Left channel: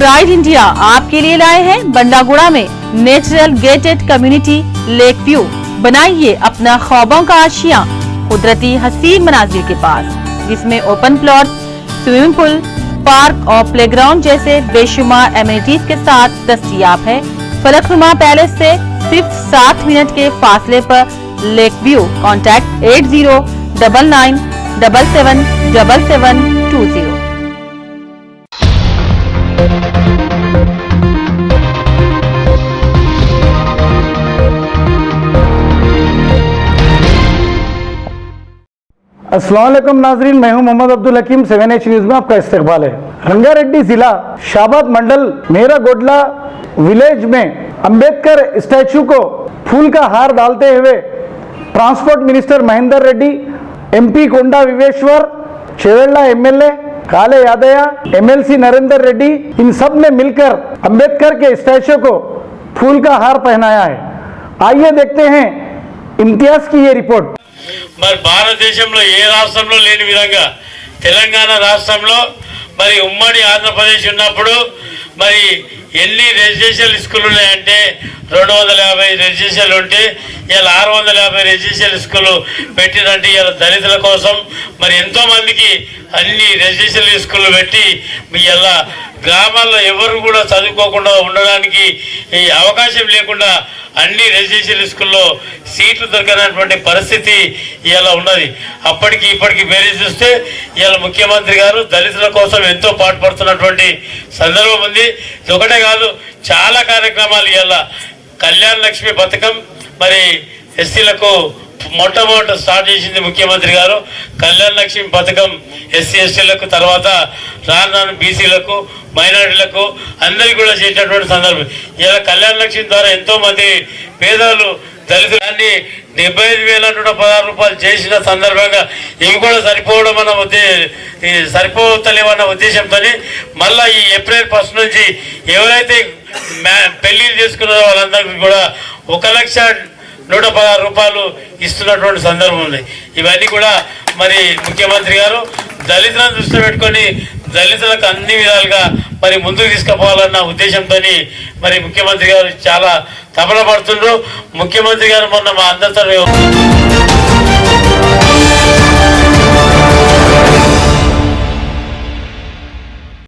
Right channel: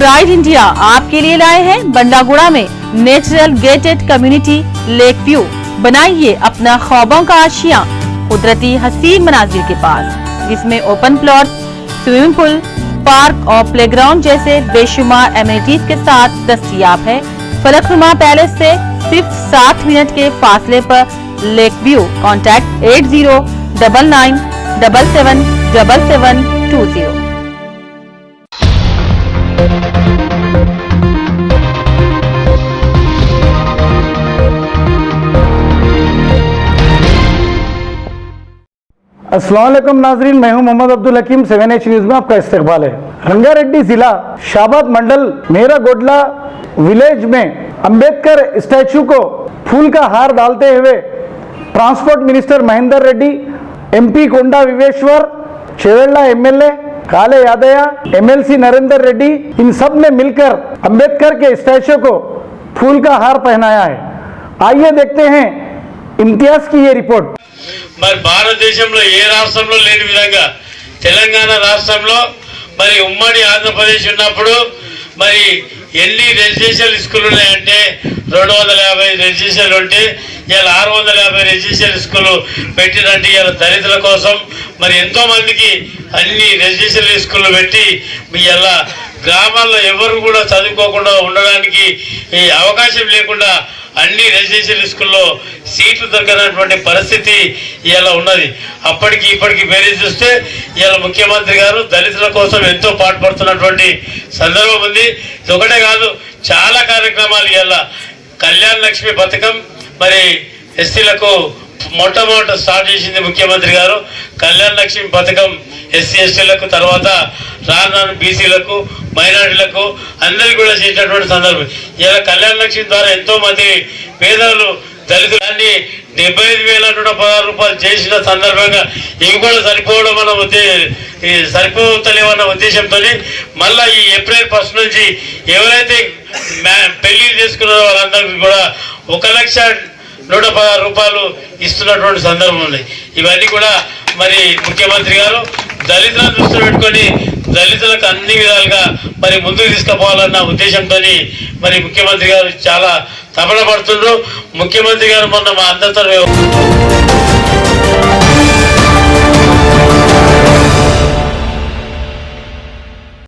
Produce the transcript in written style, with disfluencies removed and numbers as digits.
Pride India आपके लिए लाए हैं बंडागुड़ा में natural gated community lake view. बनाइए अपना ख्वाबों का आशियां कुदरती हसीन मनाजिर के पास, जिसमें open plot, swimming pool, park और प्लेग्राउंड जैसे बेशुमार एमिनिटीज के साथ दस्तयाब है। फलकनुमा पैलेस से सिर्फ 7 मिनट के फासले पर लेक व्यू। कॉन्टैक्ट 8099777720। अस्सलाम वालेकुम नाजरीन, मैं हूं मोहम्मद अब्दुल हकीम। 7H न्यूज में आपका इस्तकबाल है। रंगारेड्डी जिला शाबाद मंडल मेरागोडला विलेज में अंबेडकर स्टैचू को फूल का हार डालते हुए transport minister Mahendra Reddy, MP कोंडा विवेश्वर, चेवेल्ला MLA काले यादया, MLC नरेंद्र रेड्डी, इन सब ने मिलकर अंबेडकर के स्टैचू को फूल का हार पहनाया है। आइए देखते हैं इम्तियाज की ये रिपोर्ट। మరి భారతదేశంలో ఏ రాష్ట్రంలో లేని విధంగా తెలంగాణ రాష్ట్రంలో మరి ఉమ్మడి ఆంధ్రప్రదేశ్ ఉన్నప్పుడు మరి ఎన్ని రెసిడెన్షియల్ స్కూల్ ఉన్నాయంటే 250 రెసిడెన్షియల్ ఉంటే ఇలా 650 రెసిడెన్షియల్ స్కూల్ పెట్టినట్టు ఇలా దళితుల కోసం మరి ఎంతో మందికి అన్ని రెసిడెన్షియల్ స్కూల్ పెట్టి ఇలా గ్రామాల్లో ఎవరు కూడా చదువుకోకుండా ఉండడానికి ఈ అవకాశం లేకుండా అన్ని రెసిడెన్షియల్ స్కూల్లో సీట్లు దొరకనటువంటి పరిస్థితి ఇలా ఉన్నది. అప్పటికి ఇప్పటికి వేరే చూస్తే ఇలా ముఖ్యమంత్రి గారు దళితుల కోసం ఎంతో పాటుపడుతున్నటువంటి సందర్భం ఉంది. ఇది ఒకటే కాదు, చాలా కార్యక్రమాలు ఇలా కళ్యాణ లక్ష్మి పథకం మరి ఎస్సీలకు మొట్టమొదట స్టార్ట్ చేసింది ముఖ్యమంత్రి గారు. కళ్యాణ లక్ష్మి పథకం SC STలకు తర్వాత రాను బీసీలకు మైనారిటీలకు అందరికీ కూడా చేసినటువంటి సందర్భం. ఇలా కళ్యాణ లక్ష్మి ద్వారా ఎంతో మంది పేదలు దళితులన్నీ 75,116 రూపాయలు చేసిన సందర్భంగా ఇవి కూడా సరిపోవడం సరిపోతలేవన్న ఉద్దేశంతో మళ్ళా ఈ ఏప్రిల్ 1 నుంచి ఎవరైతే పెళ్లి చేసుకున్నారో వాళ్ళందరికీ కూడా 1,116 రూపాయలు ఇస్తున్నటువంటి సందర్భం ఉంది. ఇవన్నీ కూడా మరి ముఖ్యమంత్రి గారు దళితులను దృష్టిలో పెట్టుకొని దళితులకు అన్ని విధాలుగా మరి ముందుకు తీసుకుపోవాలన్న ఉద్దేశంతో మరి ముఖ్యమంత్రి గారు చాలా తపన పడుతున్నారు. ముఖ్యమంత్రి గారు మొన్న మా అందరితో